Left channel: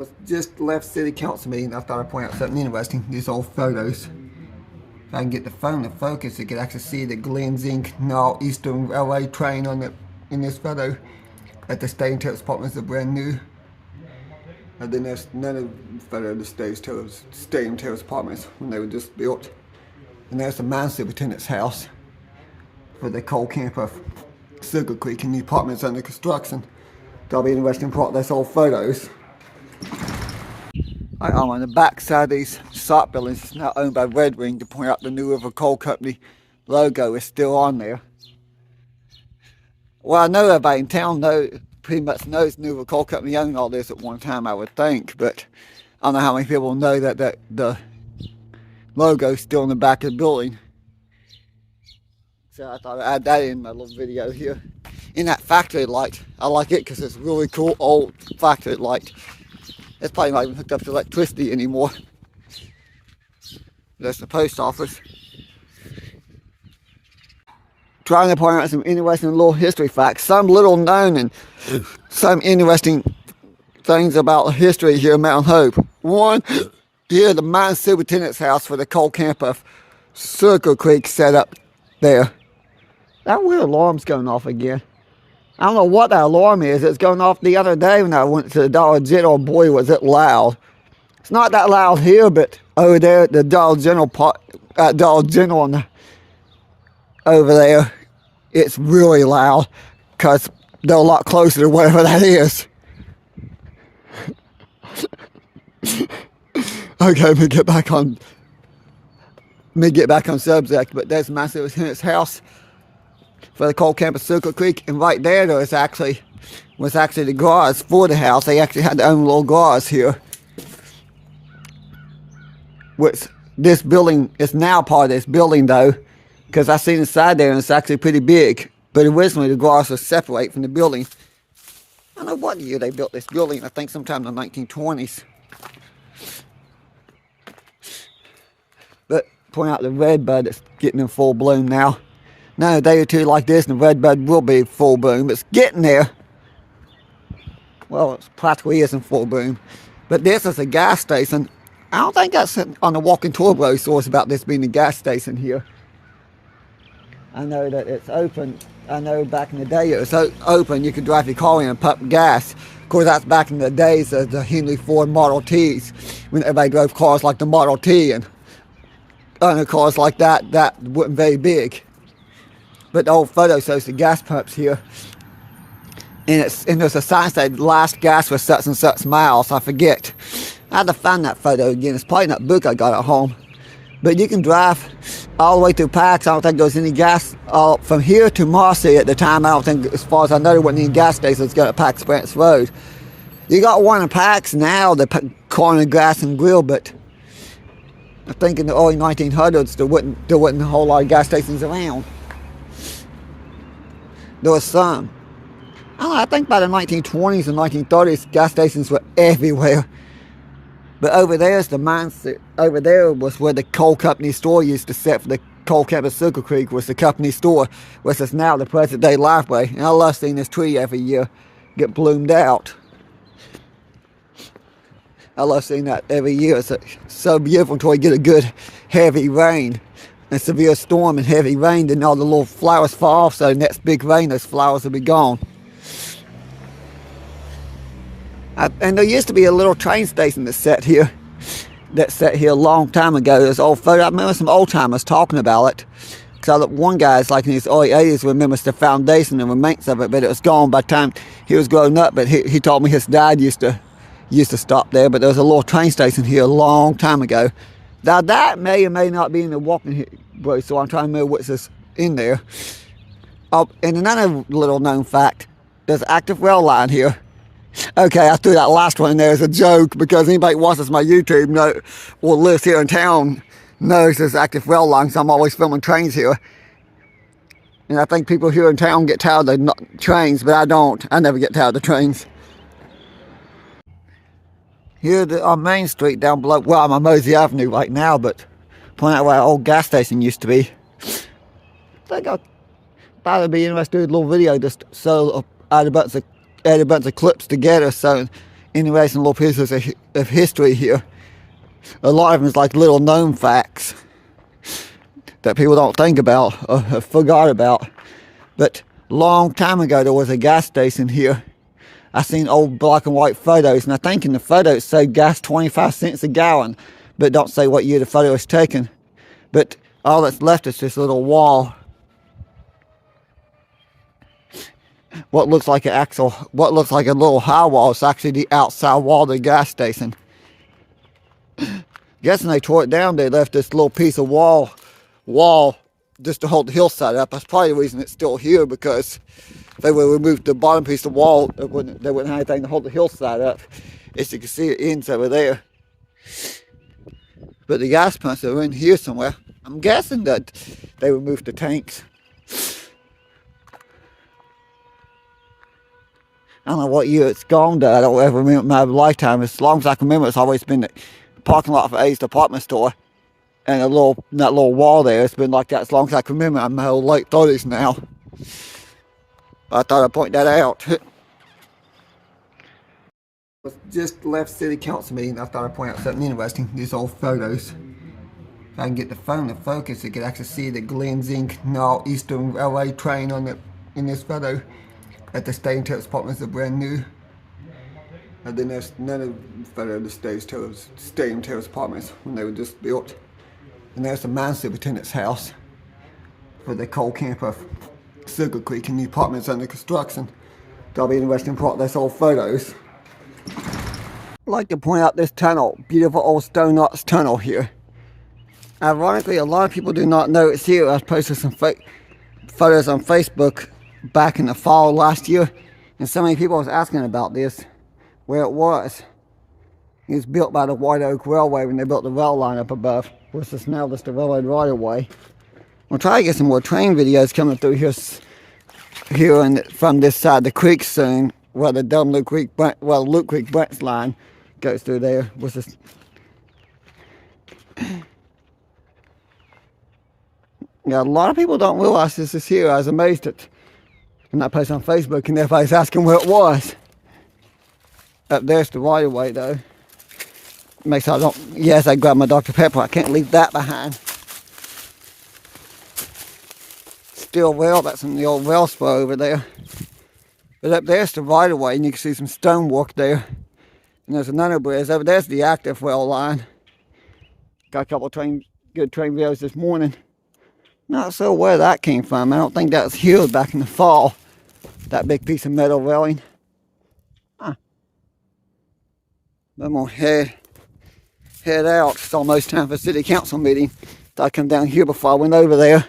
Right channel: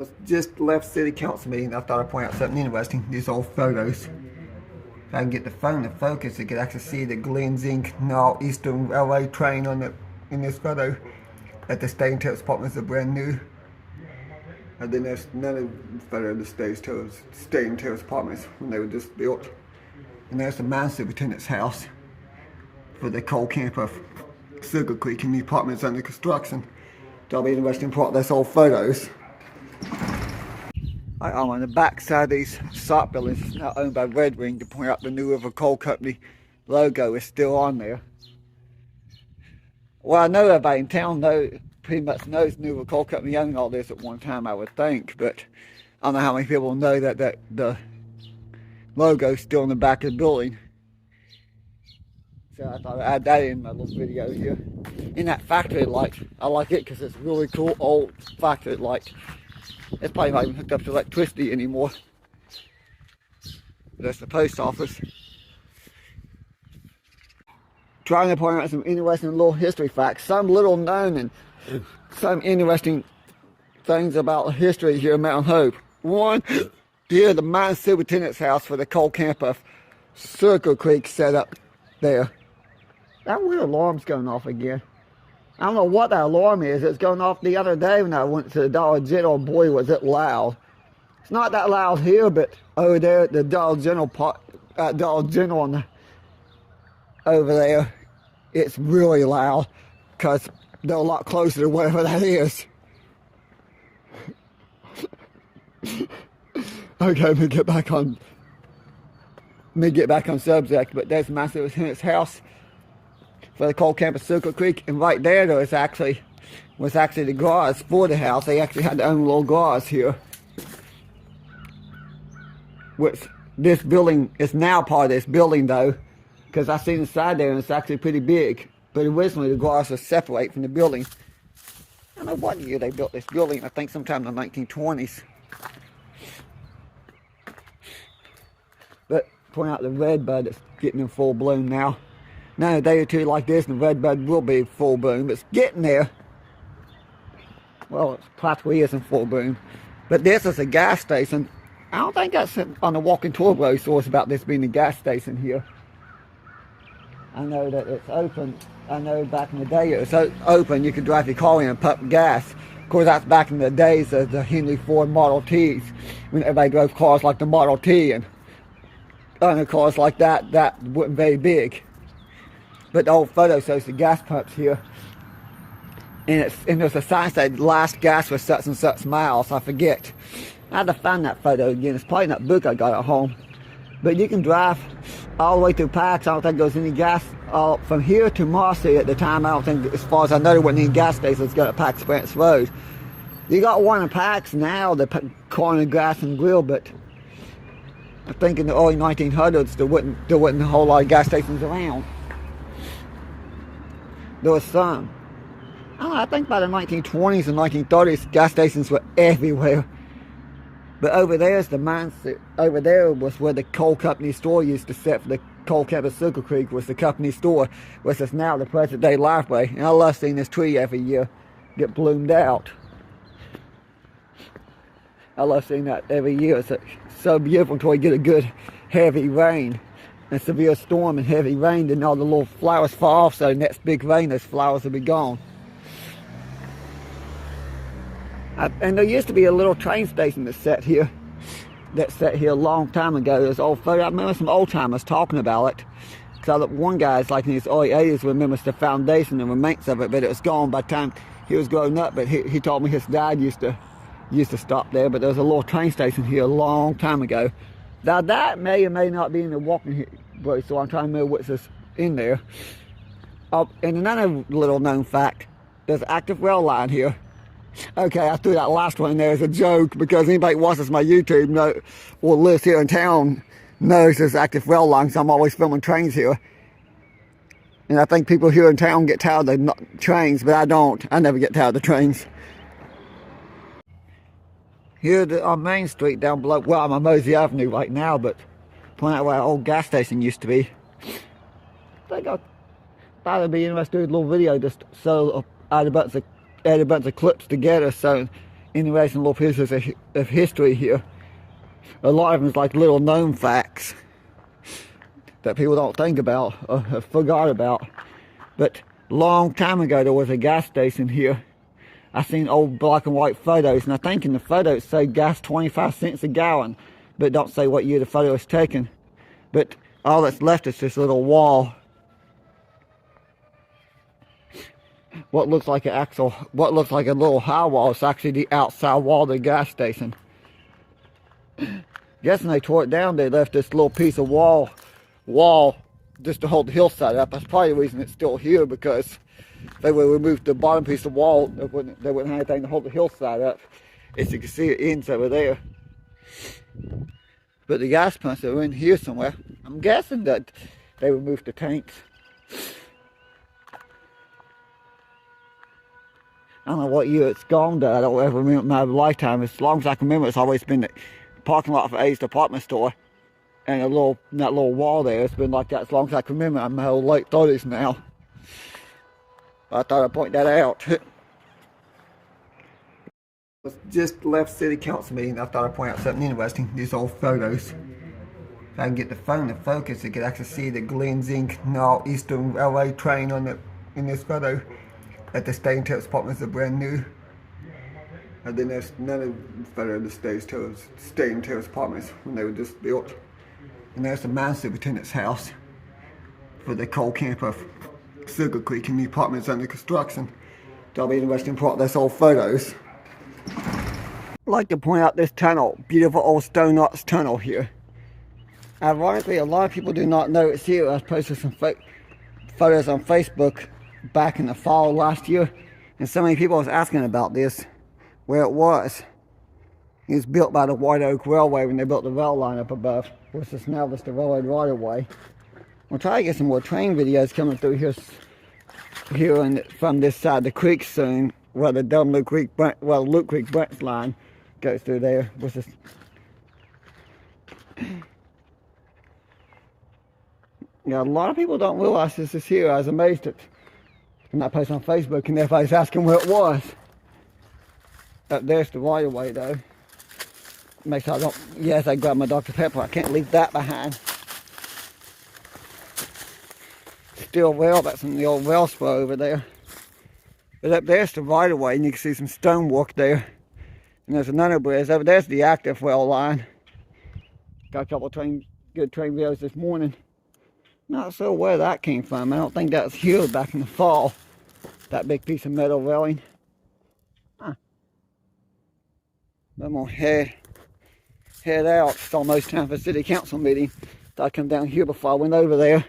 Was just left city council meeting. I thought I'd point out something interesting. These old photos. If I can get the phone to focus, you could actually see the Glens Inc. Eastern LA train on the in this photo. At the State Intelligence Department is brand new. And then there's none of the photo of the State Intelligence Departments when they were just built. And there's the mine superintendent's house for the coal camp of Sugar Creek, and the apartments under construction. That'll be an interesting part of those old photos. I'm on the back side of these SOP buildings. It's now owned by Red Wing, to point out the New River Coal Company logo is still on there. Well, I know everybody in town pretty much knows New River Coal Company owned all this at one time, I would think, but I don't know how many people know that the logo is still on the back of the building. So I thought I'd add that in my little video here. In that factory light, I like it because it's really cool old factory light. It's probably not even hooked up to electricity anymore. That's the post office. Trying to point out some interesting little history facts, some little known and some interesting things about history here in Mount Hope. One, here the mine superintendent's house for the coal camp of Circle Creek set up there. That weird alarm's going off again. I don't know what that alarm is. It's going off the other day when I went to the Dollar General. Boy, was it loud. It's not that loud here, but over there at the Dollar General over there, it's really loud because they're a lot closer to whatever that is. Okay, let me get back on subject, but there's Massive in its house for the coal camp of Circle Creek, and right there was actually the garage for the house. They actually had their own little garage here, which this building is now part of this building though, because I seen inside there and it's actually pretty big. But originally the garage was separate from the building. I don't know what year they built this building. I think sometime in the 1920s. But point out the redbud that's getting in full bloom now. Now a day or two like this and the redbud will be full bloom. It's getting there. Well, it practically isn't full bloom. But this is a gas station. I don't think that's on the walking tour brochure source about this being a gas station here. I know that it's open. I know back in the day it was open. You could drive your car in and pump gas. Of course, that's back in the days of the Henry Ford Model Ts, when everybody drove cars like the Model T, and other cars like that weren't very big. But the old photo shows the gas pumps here. And there's a sign that said last gas for such and such miles. I forget. I had to find that photo again. It's probably in that book I got at home. But you can drive all the way through Pax. I don't think there was any gas from here to Marcy at the time. I don't think, as far as I know, there wasn't any gas stations got at Pax Branch Road. You got one in Pax now, the Corner Gas and Grill, but I think in the early 1900s there wasn't a whole lot of gas stations around. There was some. I don't know, I think by the 1920s and 1930s, gas stations were everywhere. But over there's the mine. Over there was where the coal company store used to set for the coal camp of Circle Creek, was the company store, which is now the present day Lifeway. And I love seeing this tree every year get bloomed out. I love seeing that every year. It's so beautiful until we get a good heavy rain. A severe storm and heavy rain, then all the little flowers fall off, so the next big rain, those flowers will be gone. And there used to be a little train station that sat here a long time ago. There's old photo. I remember some old timers talking about it. Because one guy's like in his early 80s remembers the foundation and remains of it, but it was gone by the time he was growing up. But he told me his dad used to stop there. But there was a little train station here a long time ago. Now that may or may not be in the walking brochure, so I'm trying to remember what's in there. Oh, and another little known fact, there's an active rail line here. Okay, I threw that last one in there as a joke because anybody who watches my YouTube or lives here in town knows there's active rail lines. I'm always filming trains here. And I think people here in town get tired of the trains, but I don't. I never get tired of the trains. Here on Main Street down below, well, I'm on Mosey Avenue right now, but point out where our old gas station used to be. I think I thought it'd be interesting to do a little video just so I had a bunch of clips together, so interesting little pieces of history here. A lot of them is like little known facts that people don't think about or have forgot about. But a long time ago there was a gas station here. I seen old black and white photos, and I think in the photo it said gas 25 cents a gallon, but it don't say what year the photo was taken. But all that's left is this little wall. What looks like a little high wall is actually the outside wall of the gas station. Guessing they tore it down, they left this little piece of wall just to hold the hillside up. That's probably the reason it's still here, because if they would remove the bottom piece of wall, they wouldn't have anything to hold the hillside up. As you can see, it ends over there. But the gas pumps are in here somewhere. I'm guessing that they removed the tanks. I don't know what year it's gone to. I don't ever remember my lifetime. As long as I can remember, it's always been the parking lot for A's department store. And that little wall there, it's been like that as long as I can remember. I'm in my old late 30s now. I thought I'd point that out. Just left city council meeting. I thought I'd point out something interesting. These old photos. If I can get the phone to focus, you can actually see the Glens Inc. Eastern LA train in this photo. At the stadium terrace apartments are brand new. And then there's none of the photo of the stadium terrace apartments when they were just built. And there's the mine superintendent's house for the coal camper Silver Creek, and the apartments under construction. That'll be an interesting part of those old photos. I'd like to point out this tunnel, beautiful old stone arch tunnel here. Ironically, a lot of people do not know it's here. I posted some photos on Facebook back in the fall last year, and so many people was asking about this, where it was. It was built by the White Oak Railway when they built the rail line up above, which is now just the railroad right away. We'll try to get some more train videos coming through here and from this side of the creek soon, where the Luke Creek branch line goes through there. Which is yeah, a lot of people don't realize this is here. I was amazed at when I posted on Facebook and everybody's asking where it was. Up there's the right of way though. Makes sure I don't, yes, I grabbed my Dr. Pepper. I can't leave that behind. Steel rail, that's in the old rail spur over there. But up there's the right of way, and you can see some stonework there. And there's another bridge. Over there's the active rail line. Got a couple of good train videos this morning. Not sure where that came from. I don't think that was here back in the fall. That big piece of metal railing. Huh. I'm gonna head out. It's almost time for city council meeting. I come down here before I went over there.